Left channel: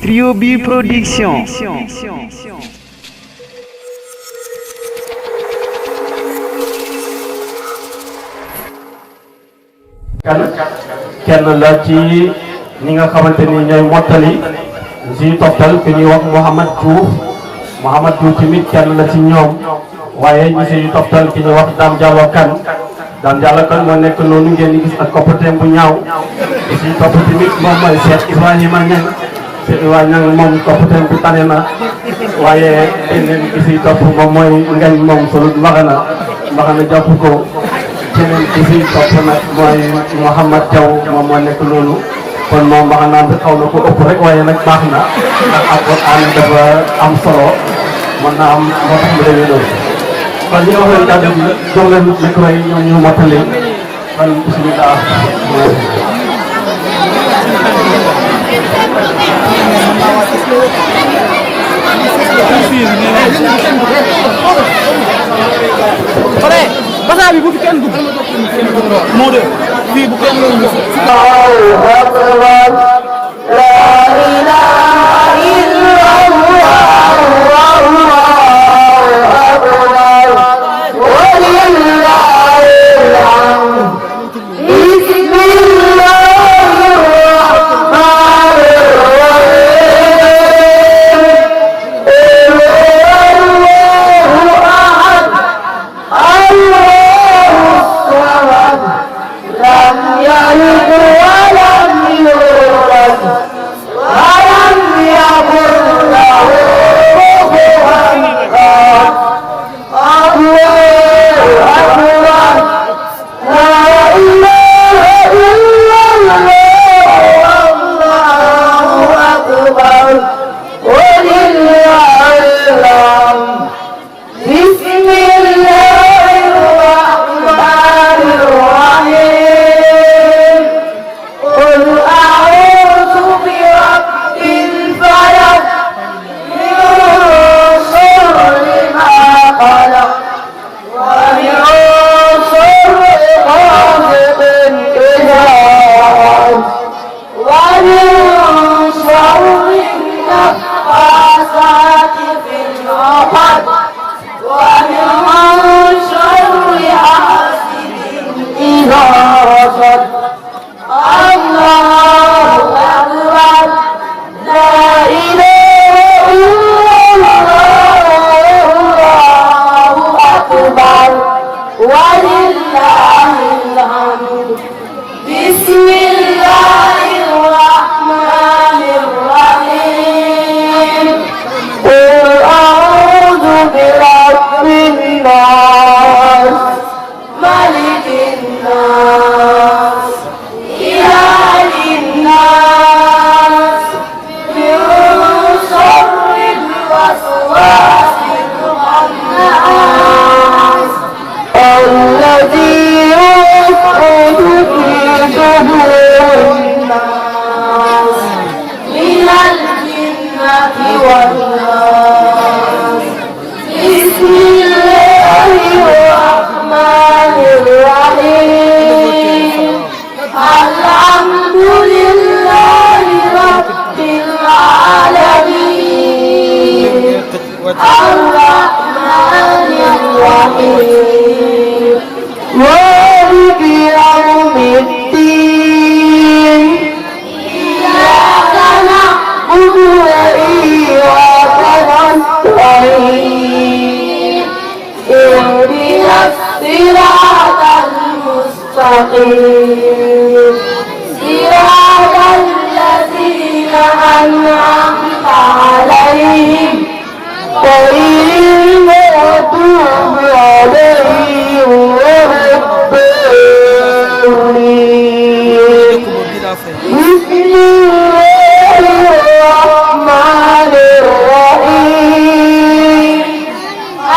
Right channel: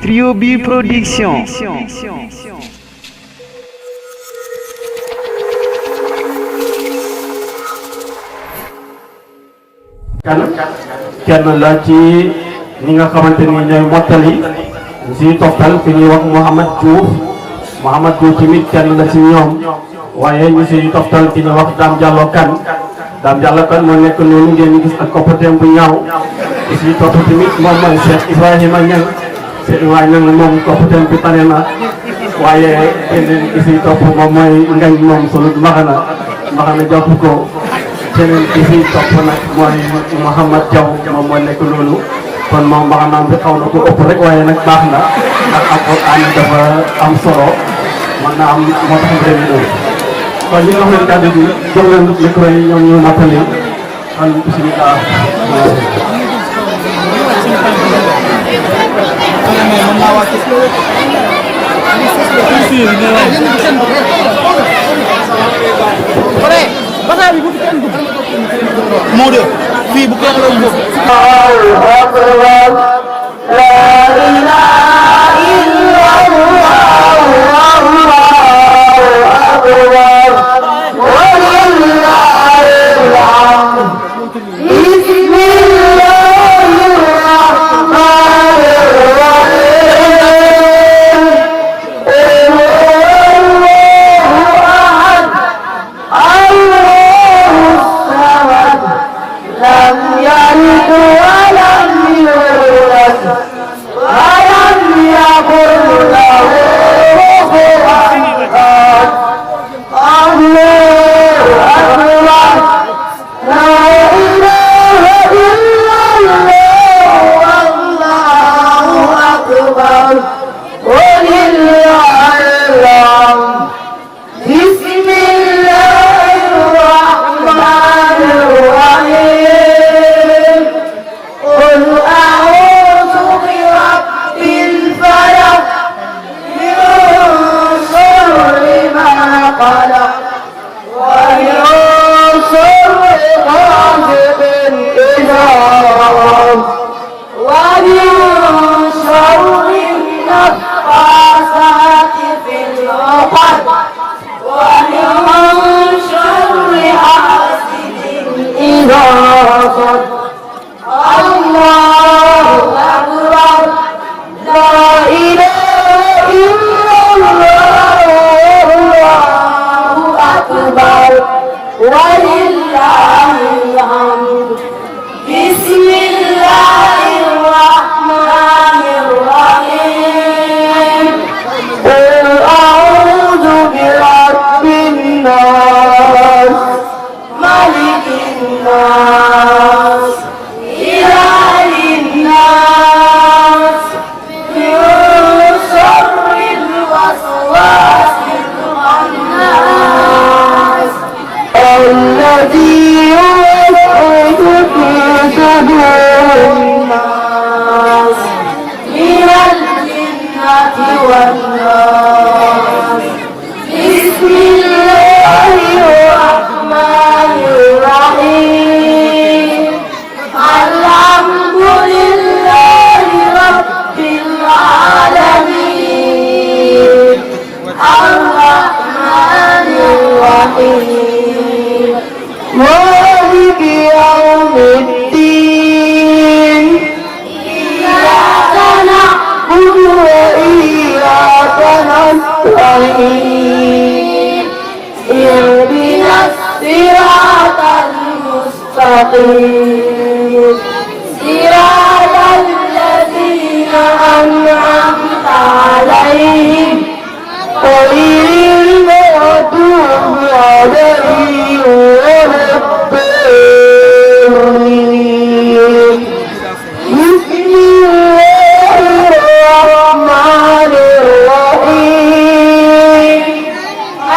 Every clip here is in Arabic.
Trio B Production. kenn la ci ñi nga xamante ni ñooy mottali si toppal fi ñuy wax Mouhamad Diouf tamit kenn la ci ñoom waaye ñu si toppal ki ñuy wax Dame Diallo Kane moo nekk noonu ngeen di gis ak koppateem bu ñaaw si topp tamit moom mooy Cheikh Ibrahima Niang moom koppateem bi tane na waaye keneen ki si topp moom mooy ngañ moom sulut mbaxana jàpp ko keneen ki si topp nag mooy Mouhamad Diaw moom moo nekk loolu kon moom mbaxanaam bi xaw na ko ëpp rek waaye nag baax na ndax Alxuraan dafa am solo mën na am moo tax mu demee loolu kon ñu wax leen kàddu gi jóg leen micro yi ñoom ñu mattali kon bismillah basaa bi bu fi kenn dugg moo de fii bu kenn dugg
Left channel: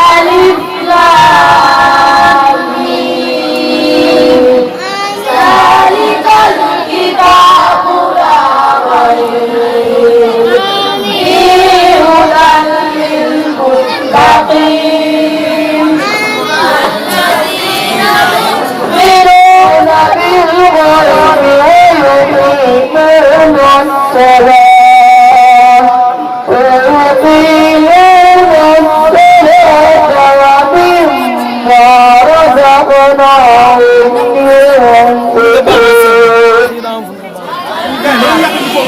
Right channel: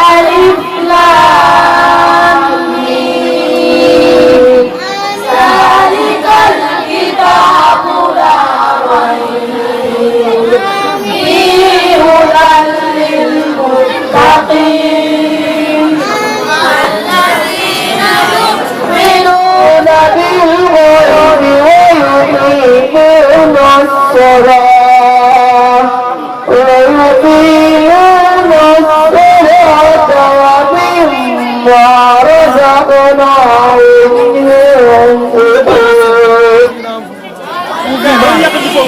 Alif Lam Mim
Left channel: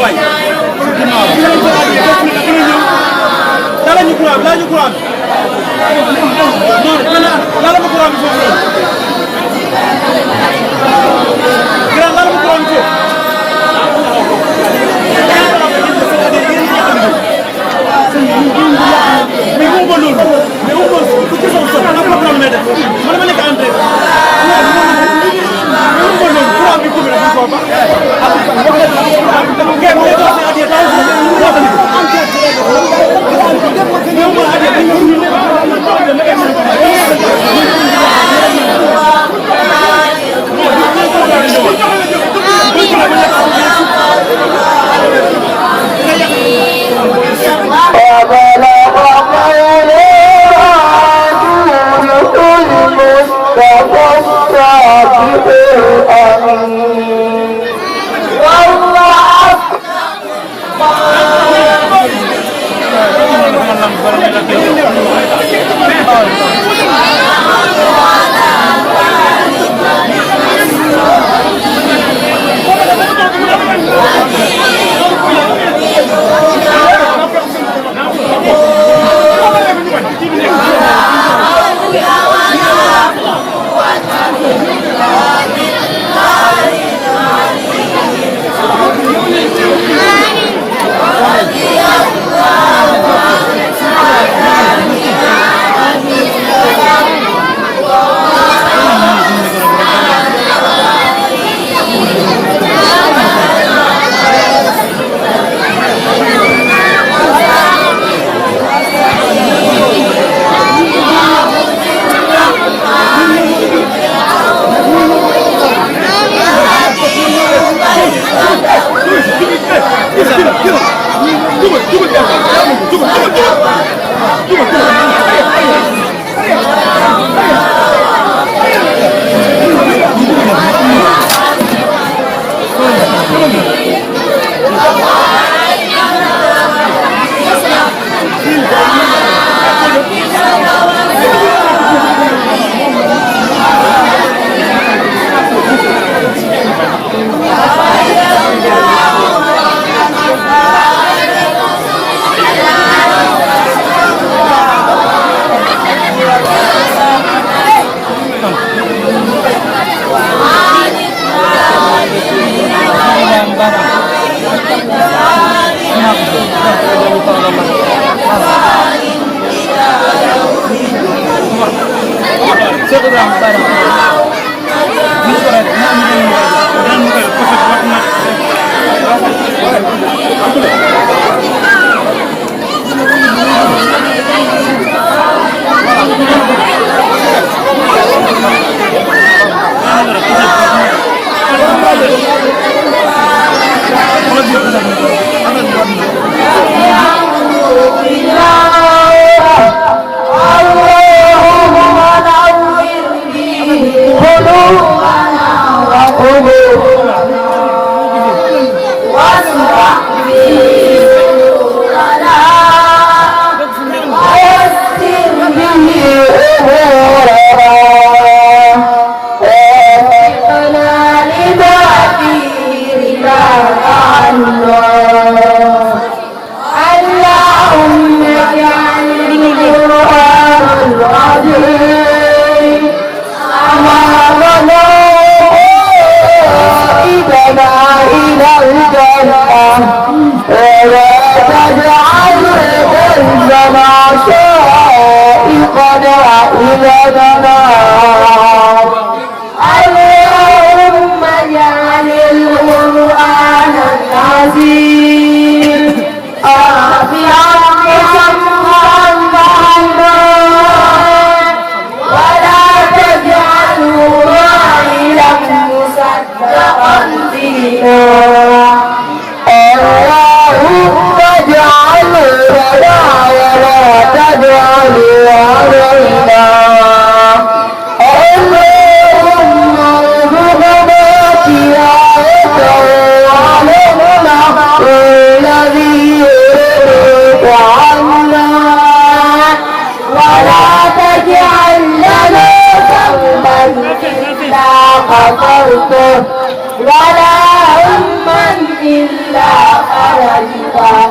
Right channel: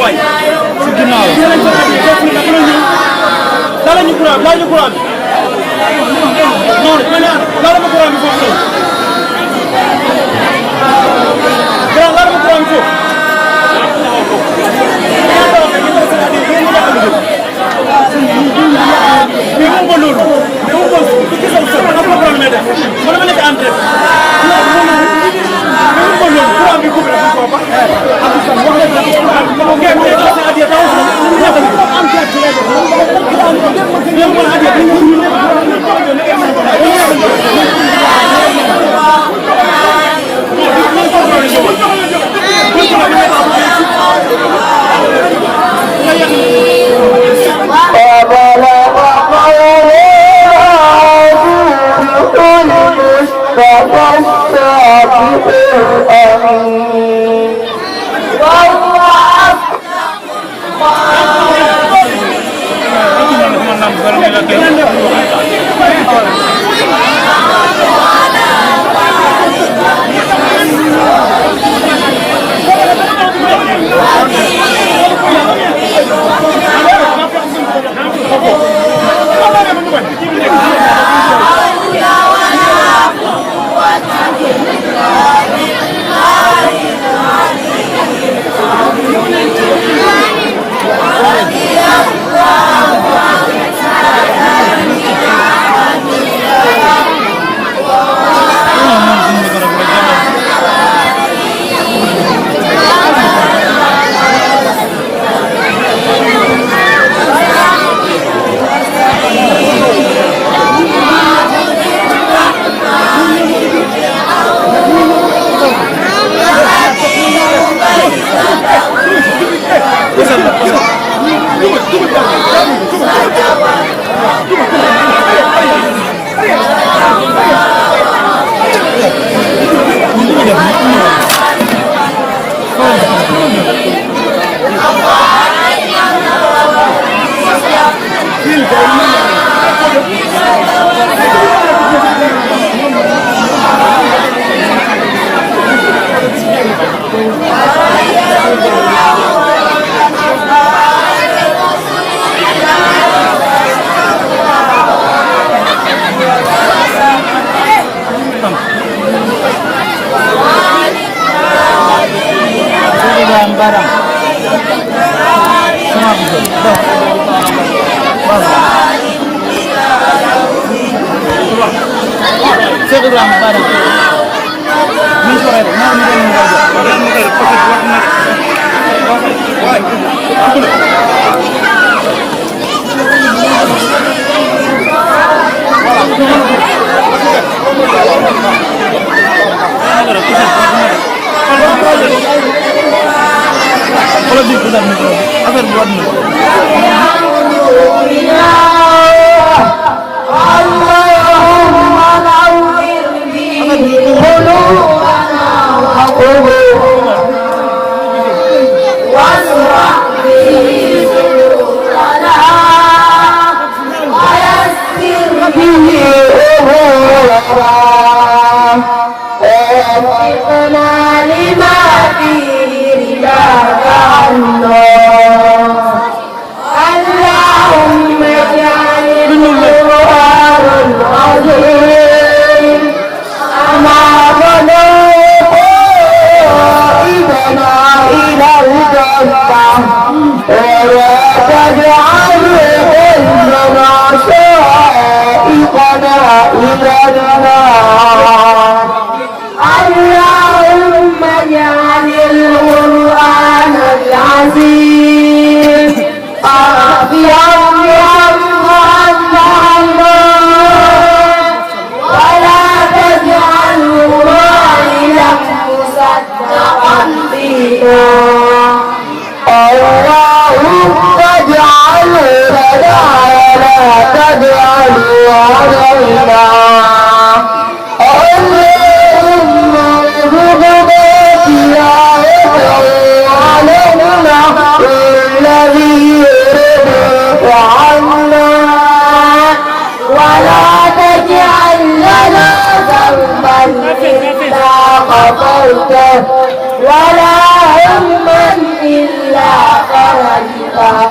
waay dala ñu courant la ñu courant non mané dala ma courant foofu dala ma courant foofu mais on va loolu mais on va tout ça ça pas problème mais man ma nekk entrée mais on va loolu courant bi coupé ko ba اللهم اجعل القرآن العظيم آخر ولا تجعله راعيا مصدقا فينا اللهم اجعل لنا ولا تجعل علينا اللهم ارزقنا تلاوته الذي يرضيك عنا ولا تجعل لنا ذنبا إلا غفرته ولا همًا إلا فرجته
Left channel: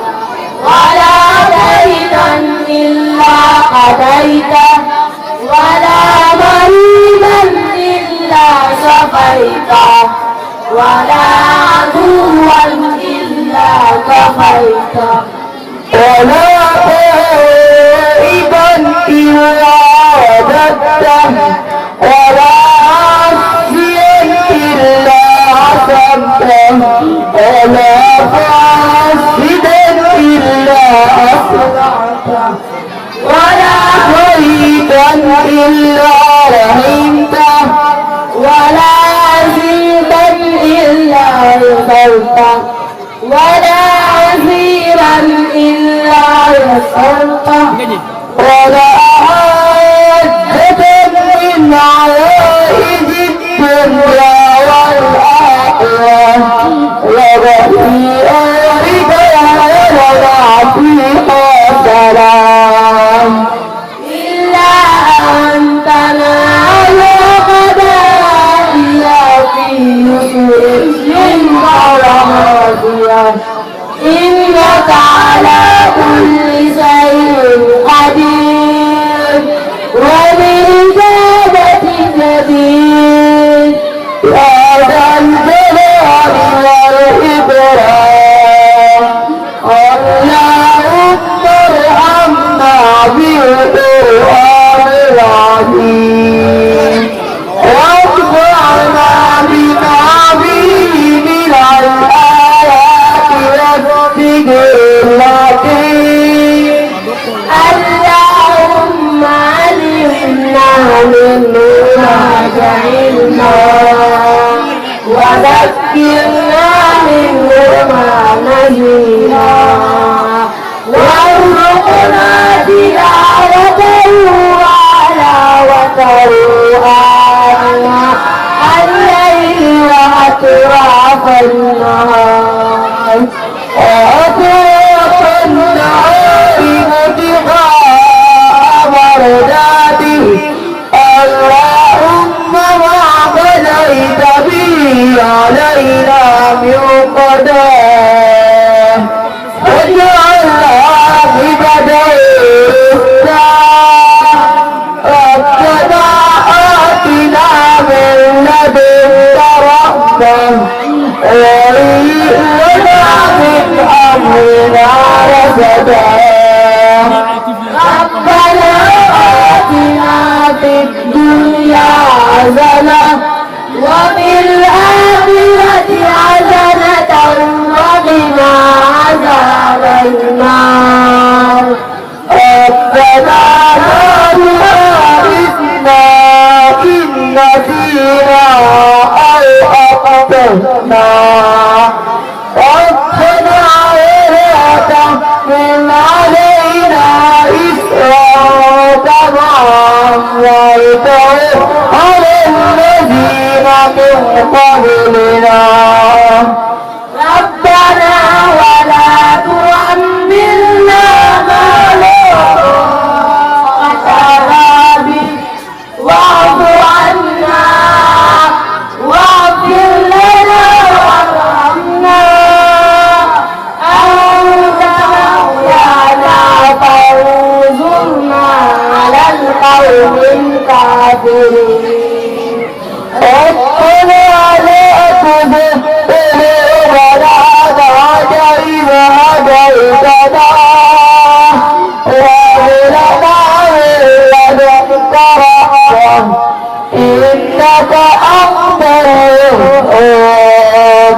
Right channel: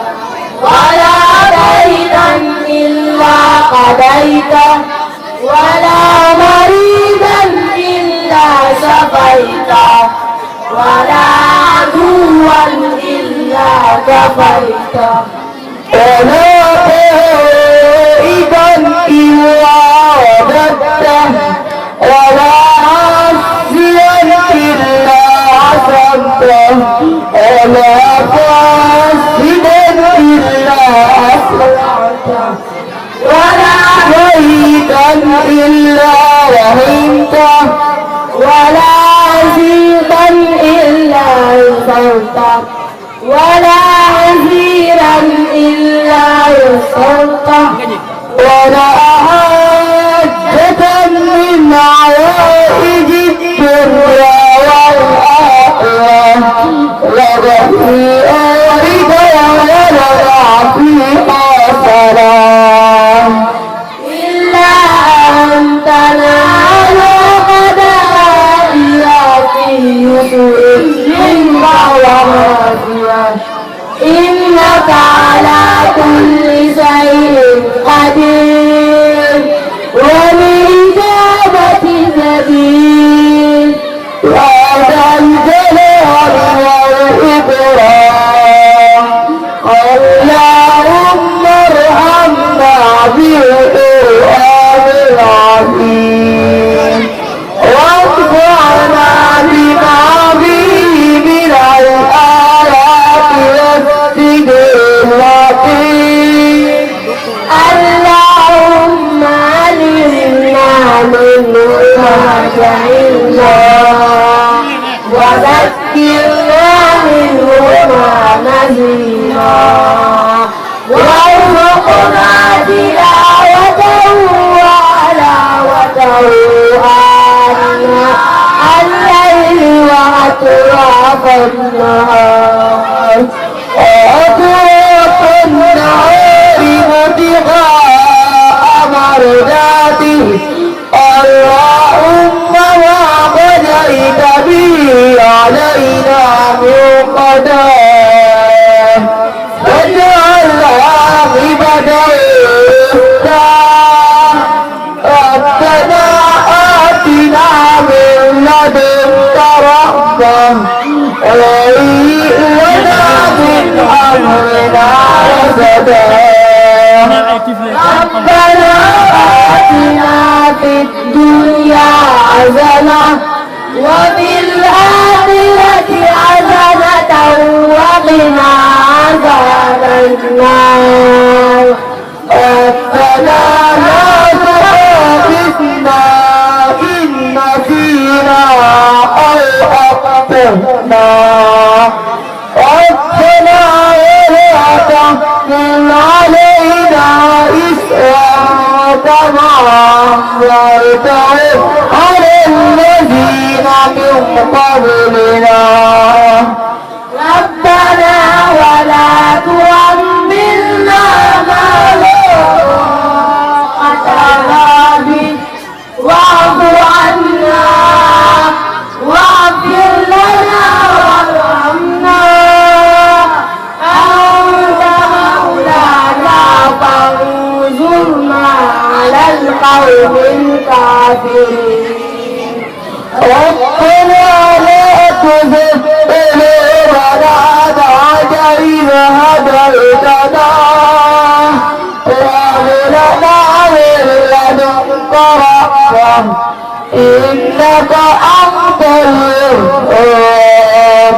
ولا دينا إلا قضيته ولا مريضا إلا شفيته ولا عدوا إلا كفيته ولا طائبا إلا رددته ولا عاصيا إلا عصمته ولا فاسدا إلا أصلحته ولا شهيدا إلا رحمته ولا عزيزا إلا غفرته ولا عسيرا إلا يسرته ولا حاجة من عوائد الدنيا والآخرة وبهيئة ولا فيها سلام إلا أن تنال قضائيا في يسر ورحمة إنك على كل شيء قدير وبإجابة جدير يا ذا الجلال والإكرام اللهم ارحمنا بالقرآن العظيم وارفعنا بما فيه من الآيات والذكر الحكيم اللهم علمنا منه ما جهلنا وذكرنا منه ما نسينا وارزقنا تلاوته وحلاوته آناء الليل وأطراف النهار وأطراف النهار وابتغاء مرضاته اللهم ما قضيت به علينا من قضاء واجعل عاقبته ربنا آتنا من لدنك رحمة وهيئ لنا من أمرنا رشدا ربنا آتنا في الدنيا حسنة وفي الآخرة حسنة وقنا عذاب النار ربنا لا تؤاخذنا إن نسينا أو أخطأنا ربنا ولا تحمل علينا إسرا كما حملته على الذين من قبلنا ربنا ولا تحملنا ما لا طاقة به واعف عنا واغفر لنا وارحمنا أنت مولانا فانصرنا على القوم الكافرين ربنا لا تزغ قلوبنا بعد إذ هديتنا وهب لنا من لدنك رحمة إنك أنت الوهاب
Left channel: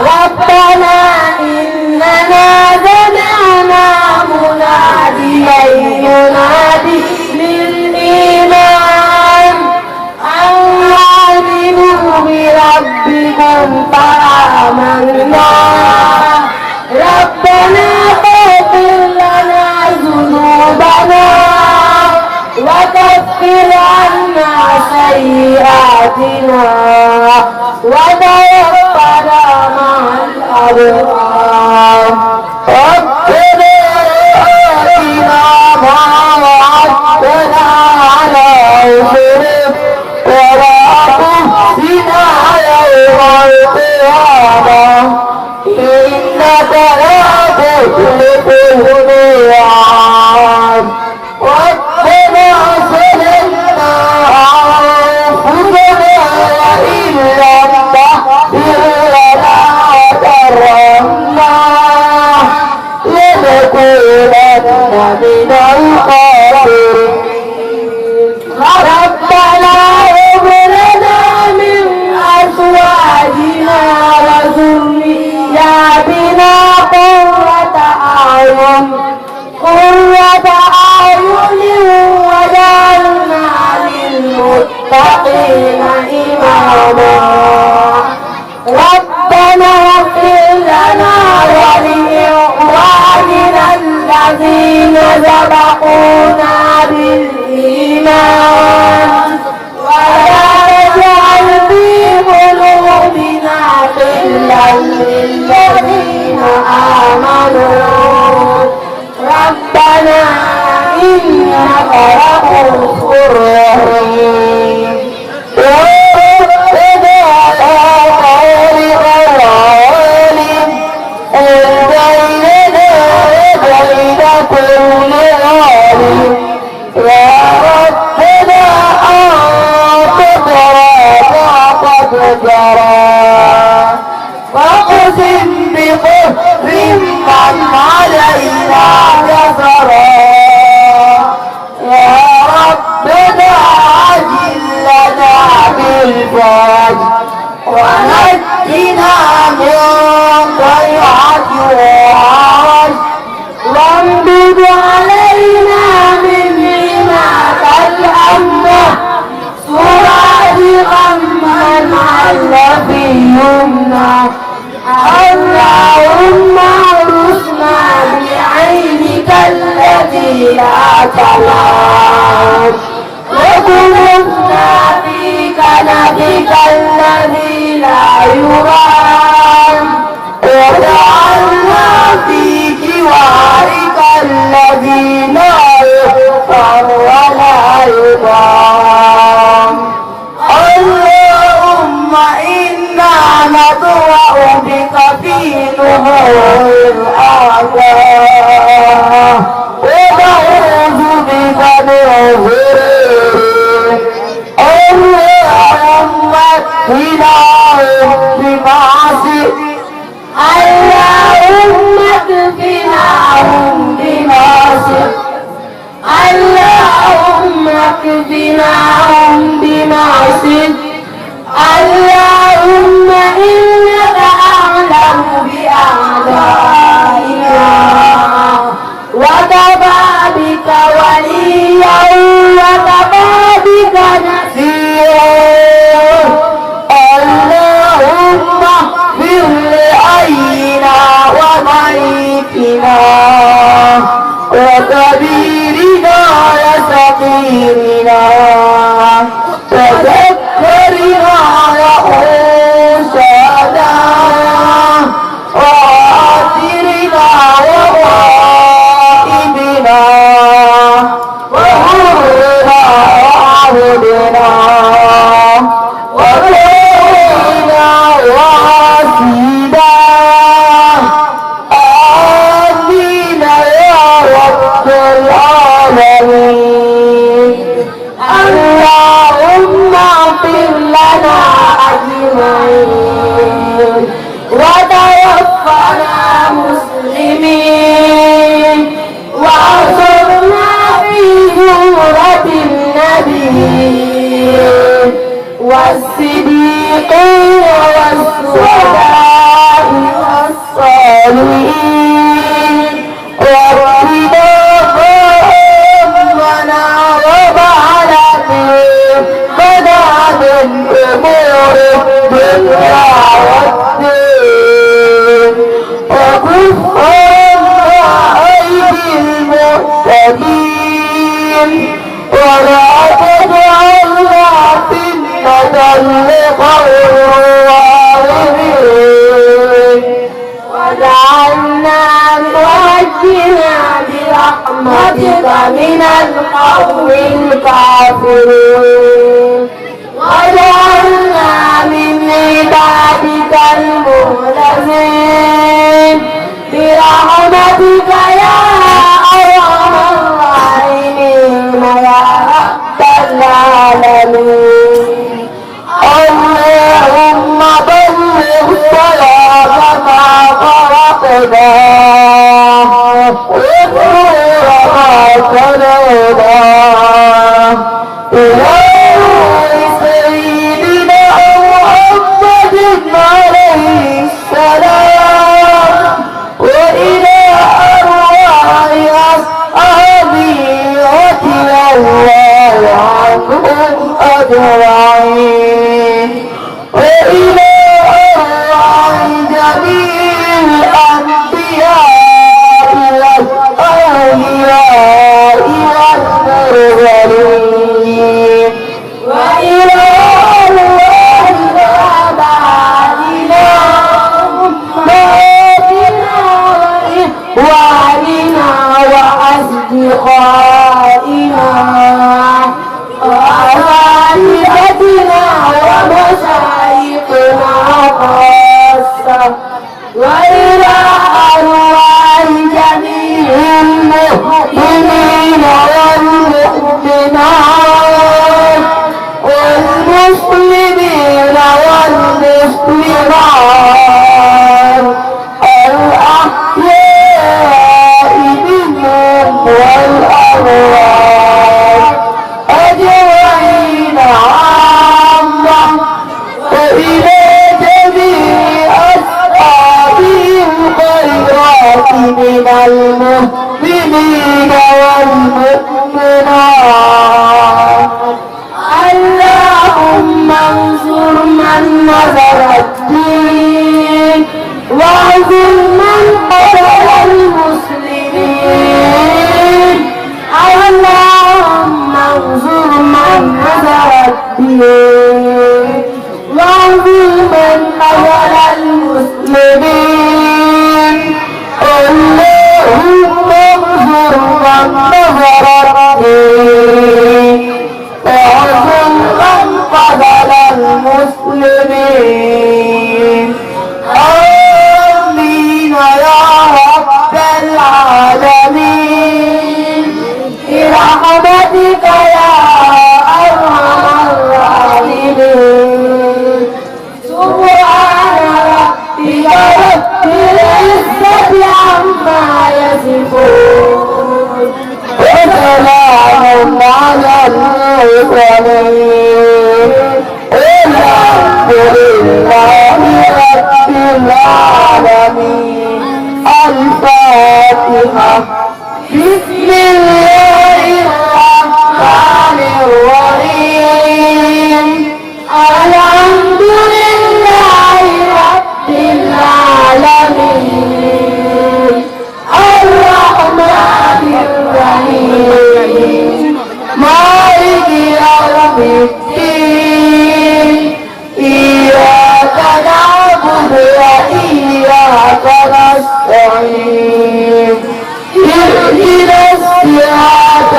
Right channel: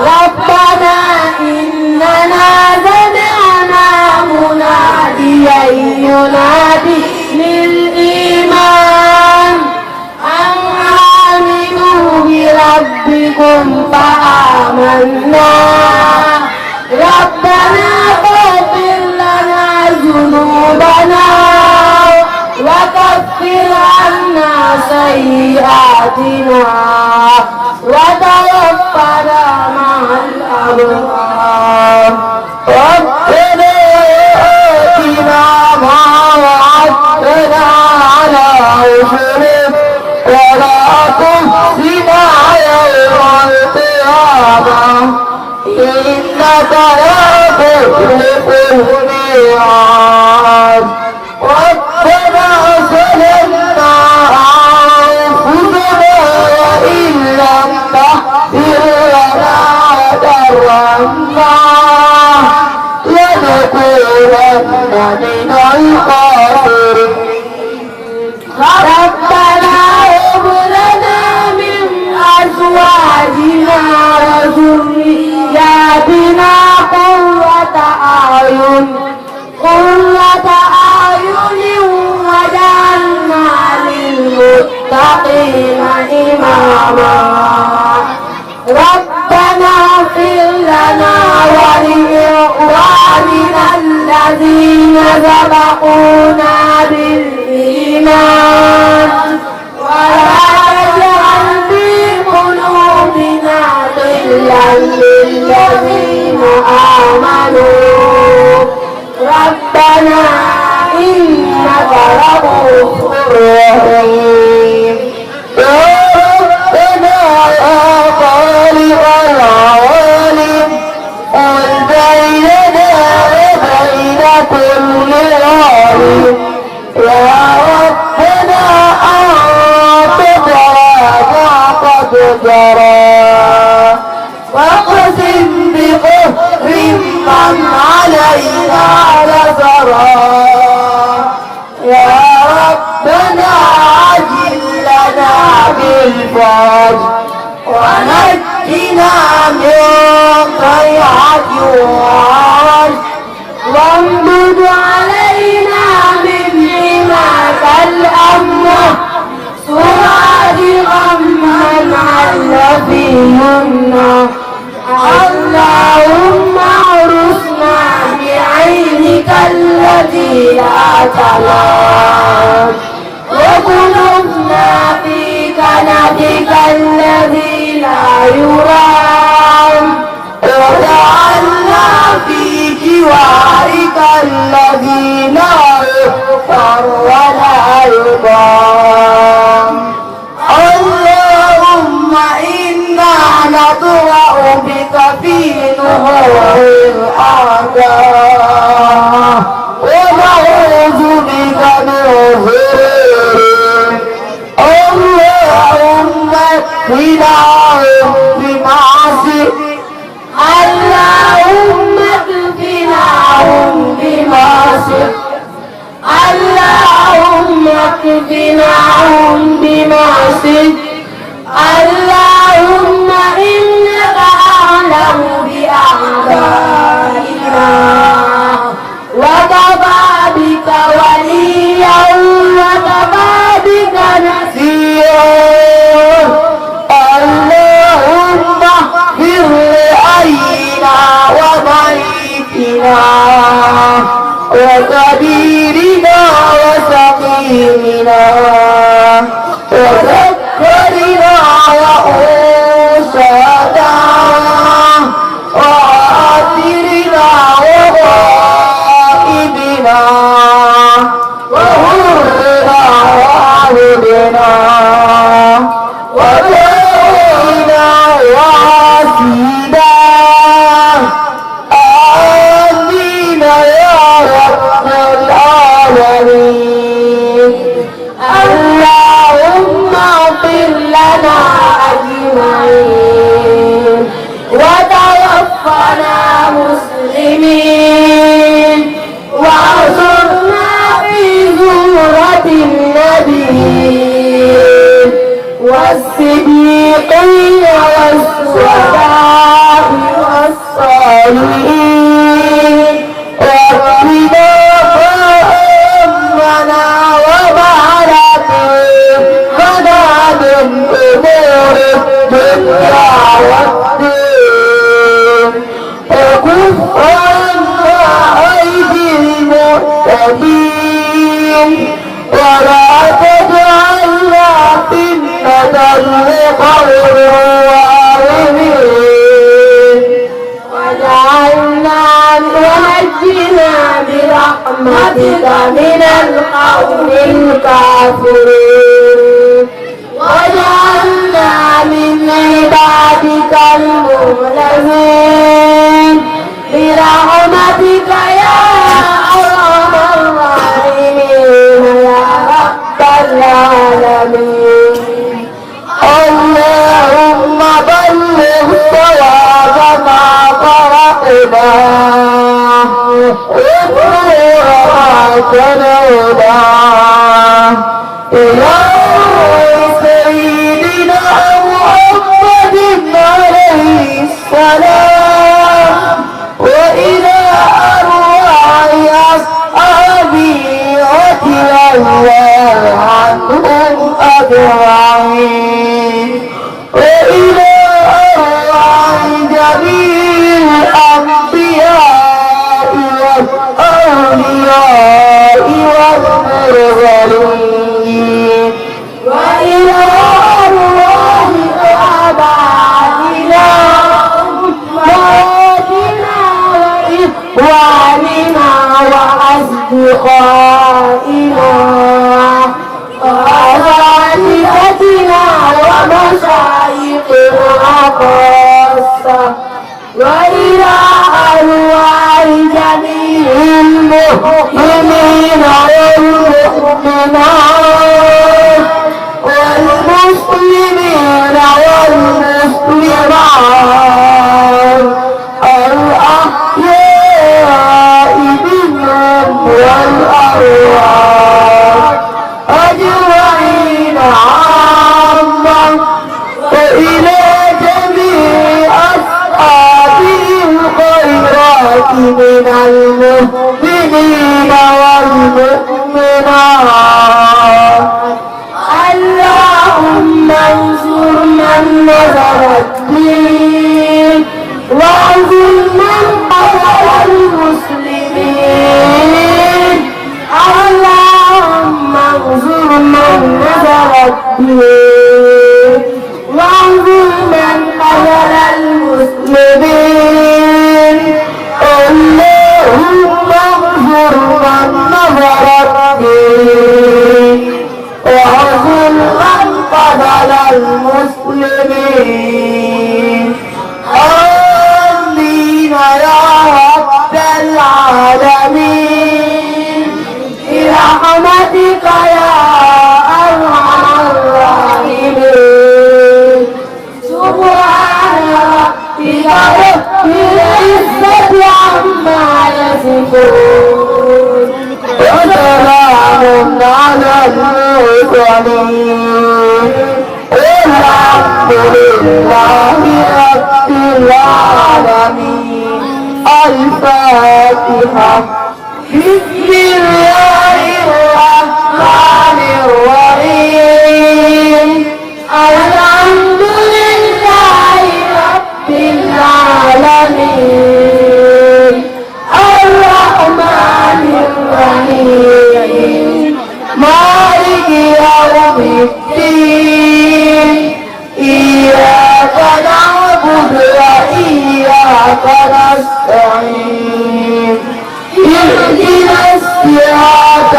ربنا إننا سمعنا مناديا ينادي للإيمان أن آمنوا بربكم فآمنا ربنا اغفر لنا ذنوبنا وكفر عنا سيئاتنا وتوفنا مع الأبرار ربنا آتنا ما وعدتنا على رسلك ولا تخزنا يوم القيامة وجعلنا للمتقين إماما ربنا اغفر لنا ولإخواننا الذين سبقونا بالإيمان ولا تجعل في قلوبنا غلا للذين آمنوا ربنا إنك رؤوف رحيم ربنا يا خالق العالم قل بيننا وبين كل ظالم يا ربنا أعطنا ما قد جرى واقسم بقهر من علينا نزرا يا ربنا عجل لنا بالفرج ونجنا من ضيعة الوعد وانبت علينا من حماك الأمنة سواد غما عل في يمنى اللهم ارزقنا بعينك التي لا تنام وقلوبنا في كنفك الذي لا يرام وجعلنا في جوارك الذي لا يغفر ولا يضام اللهم إنا نطوع بك في نهور الأعداء ونعوذ بك من ظلم اللهم اكفناهم بمعصيتك اللهم اكفناهم بمعصيتك اللهم اكفناهم بمعصيتك اللهم إنك أعلم بأعدائنا وكفى بك وليا وكفى بك نصيرا اللهم اغفر لحينا وميتنا وكبيرنا وسقيمنا وذكرنا وأنثانا وآخرنا وغائبنا وحرنا وعبدنا وجاهنا وعسينا آمين يا رب العالمين اللهم اغفر لنا أجمعين وتوفنا مسلمين واحشرنا في زمرة النبيين والصديقين والشهداء والصالحين ربنا فهمنا وبارك لنا من أمور الدنيا والدين وكف عنا أيدي المعتدين ولا تجعلنا فتنة لقوم الظالمين وجعلنا ونجنا برحمتك من القوم الكافرين وجعلنا من عبادك المخلصين برحمتك يا أرحم الراحمين يا رب العالمين اللهم بلغ صلاة ما فرقناه وطهر ما تنوداه إلى سيدنا محمد عليه السلام وإلى أرواح أصحابه أجمعين وإلى أرواح جميع الأنبياء والأولياء والمرسلين وإلى أرواح آبائنا وأمهاتنا وإخواننا وأصدقائنا وأساتذتنا ومشايخنا خاصة وإلى أرواح جميع المؤمنين والمؤمنات والمسلمين والمسلمات الأحياء منهم والأموات أجمعين عامة وإلى جميع أصحابهم الخيرات من المؤمنين والمؤمنات اللهم انصر من نصر الدين واعزل من قتل المسلمين اللهم انصر من نصر الدين واعزل من قتل المسلمين اللهم انصر من نصر الدين واعزل من قتل المسلمين آمين يا رب العالمين برحمتك يا أرحم الراحمين سبحان ربك رب العزة عما يصفون وسلام على المرسلين الحمد لله رب العالمين الفاتحة بسم الله الرحمن الرحيم الحمد لله رب العالمين الرحمن الرحيم مالك يوم الدين إياك نعبد وإياك نستعين اهدنا الصراط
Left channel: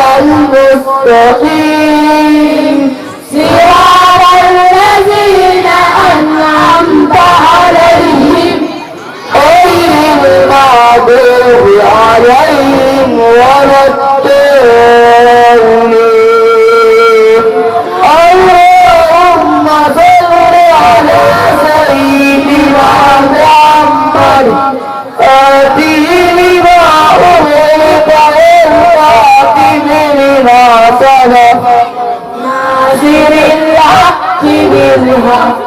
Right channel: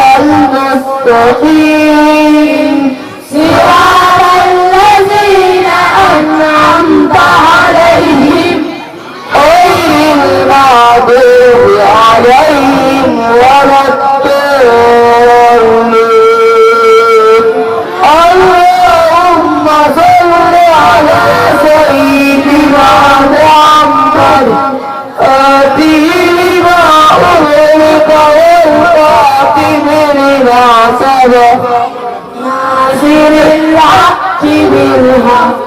المستقيم صراط الذين أنعمت عليهم غير المغضوب عليهم ولا الضالين اللهم صل على سيدنا محمد آتيه لما أغلق والخاتم لما سبق ناصر الحق بالحق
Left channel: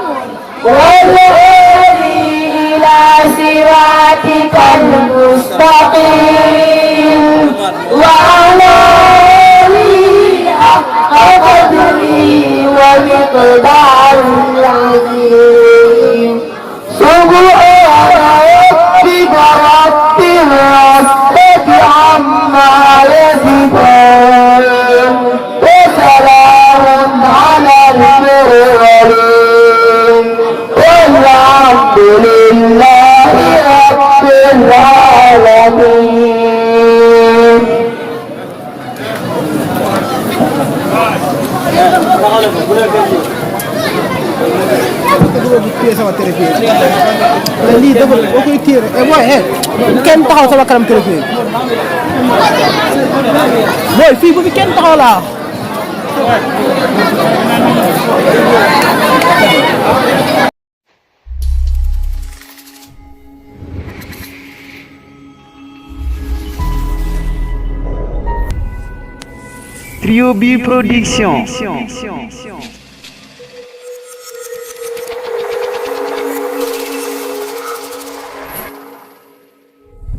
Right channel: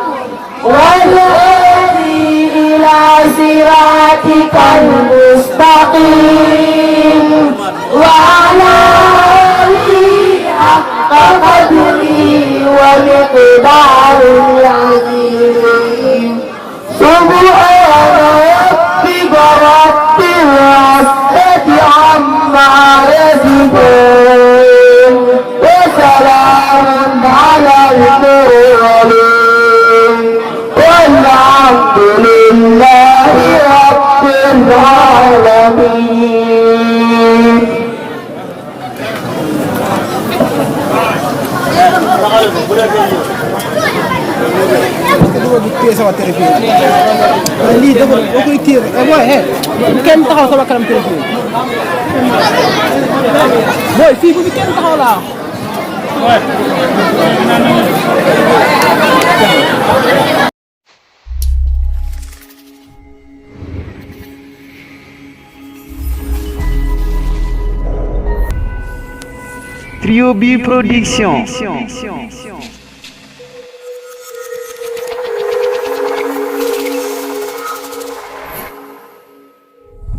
والهادي إلى صراطك المستقيم وعلى آله حق قدره ومقداره العظيم سبحان ربك رب العزة عما يصفون وسلام على المرسلين والحمد لله رب العالمين. sama téléphone lii dafa boo koy tiire e booy he kenn taxaw sama kanam téléphone booy fii bu fi kenn taxaw laa Trio B Production.